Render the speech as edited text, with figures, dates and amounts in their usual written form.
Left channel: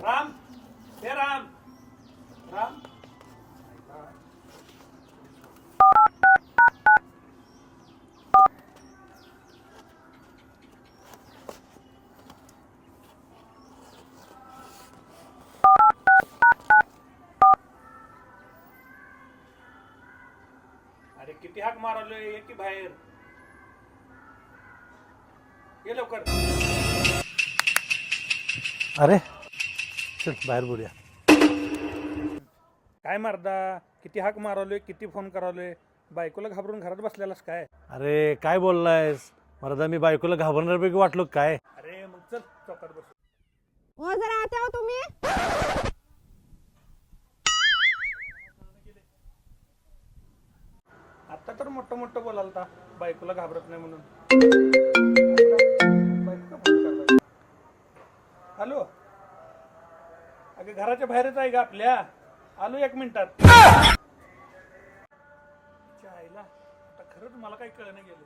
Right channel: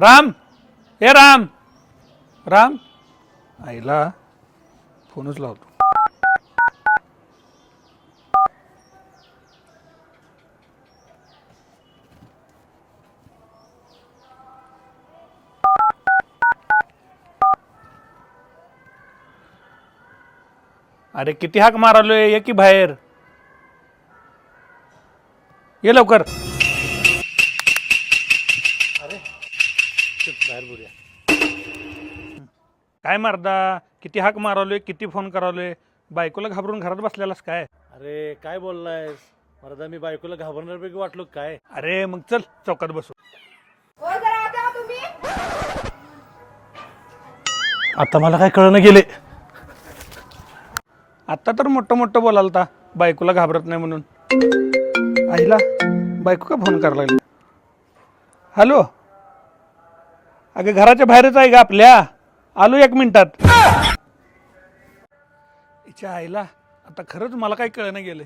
राम, हे राम राम, आईला फोनच लावतो. अरे किती हाक मारालोय, ये की बाहेर, ये लवकर. अरे चल बाहेर बोलूया. काय मारदा, किती हाक मारालोय, किती फोन करालोय, बायकोला घाबरून घरात बसलेलास काय? अरे काय बोललायस मर्दा, मी बायकोला घाबरण्यापैकी वाटलो काय? अरे मग चल चौकात बसू. आता मला काय कळणं गेले. आता तर मोठं मोठं बोलालता बायकोला घाबरत नाही म्हणून. आईला बायको का फोन करायला लागली? हॅलो, अगं घराच्या बाहेरच आहे का आपल्या, आलो 1 मिनिटात. हिच्या आईला आता खरंच मला काय कळणं गेलं.